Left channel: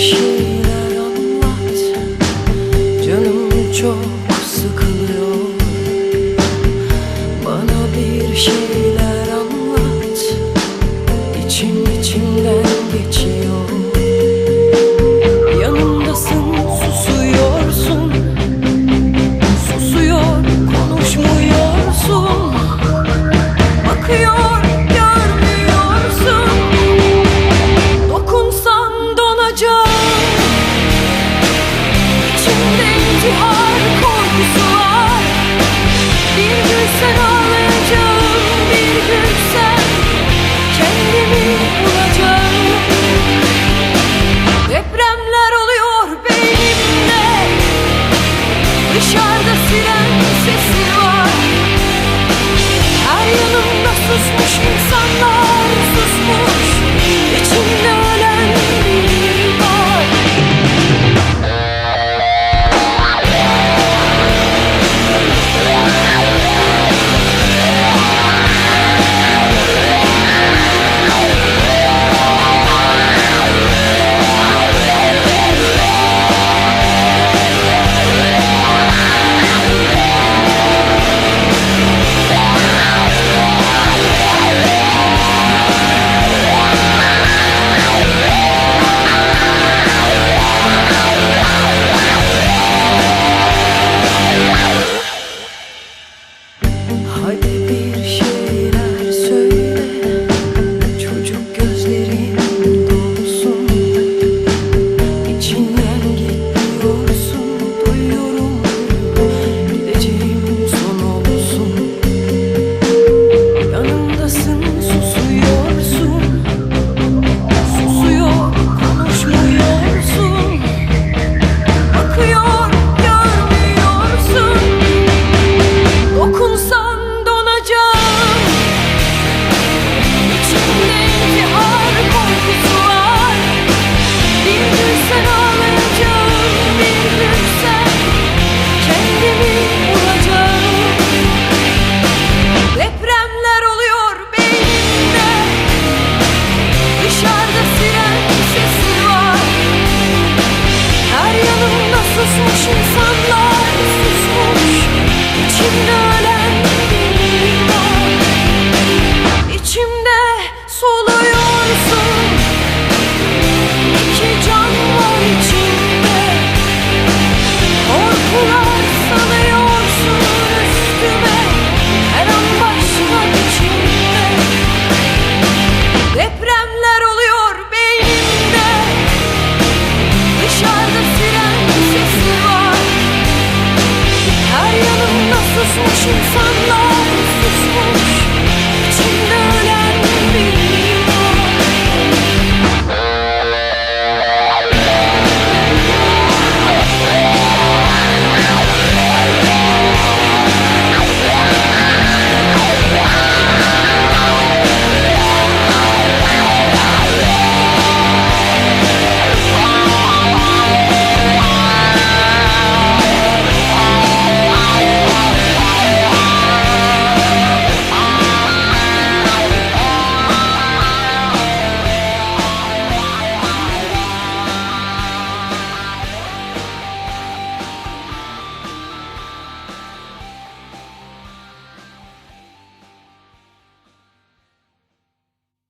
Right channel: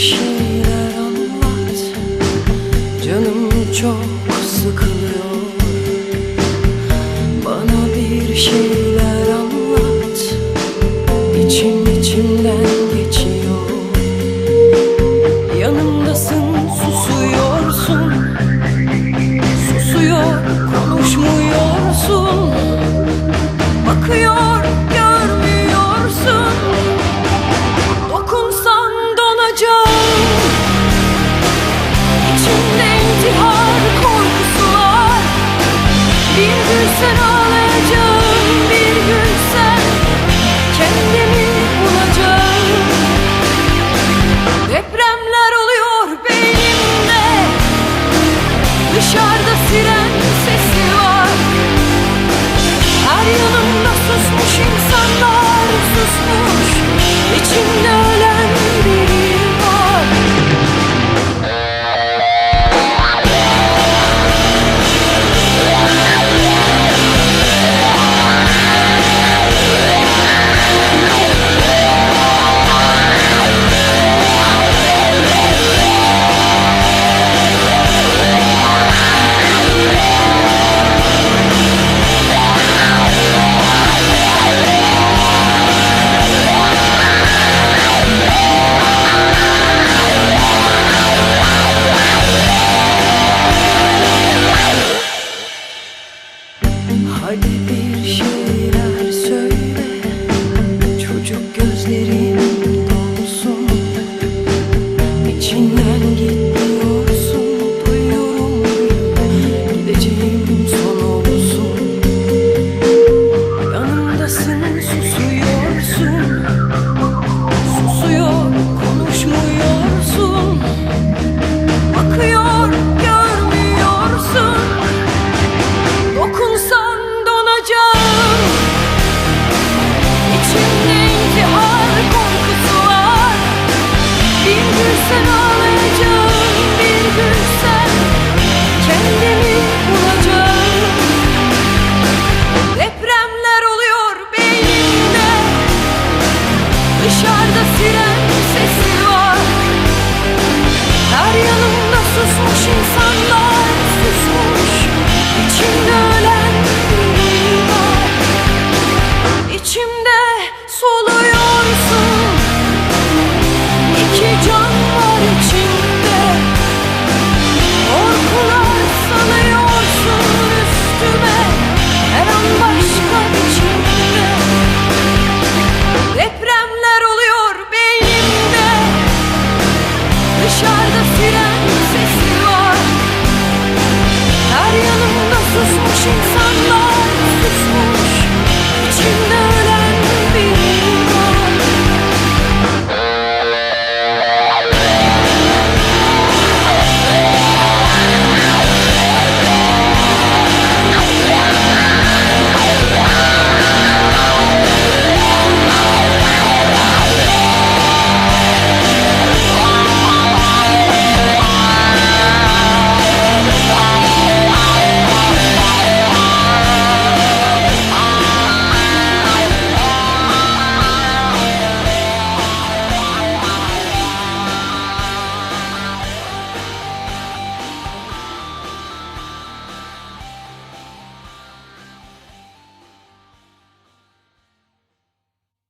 şeyler anlat. Canım çok sıkılıyor. Bana bir şeyler anlat. İçim içimden geçiyor. Yanımdasın susuyorsun. Susuyor konuşmuyorsun. Bakıyor susmuş insanlar susmuş. İçimde ölen Hadi bir şeyler söyle Çocuk gözlerim dolsun. İçinden gitmiyorsun Duyuyorum Gideceğim son olsun susmuş insanlar susmuş İçimde 不去发。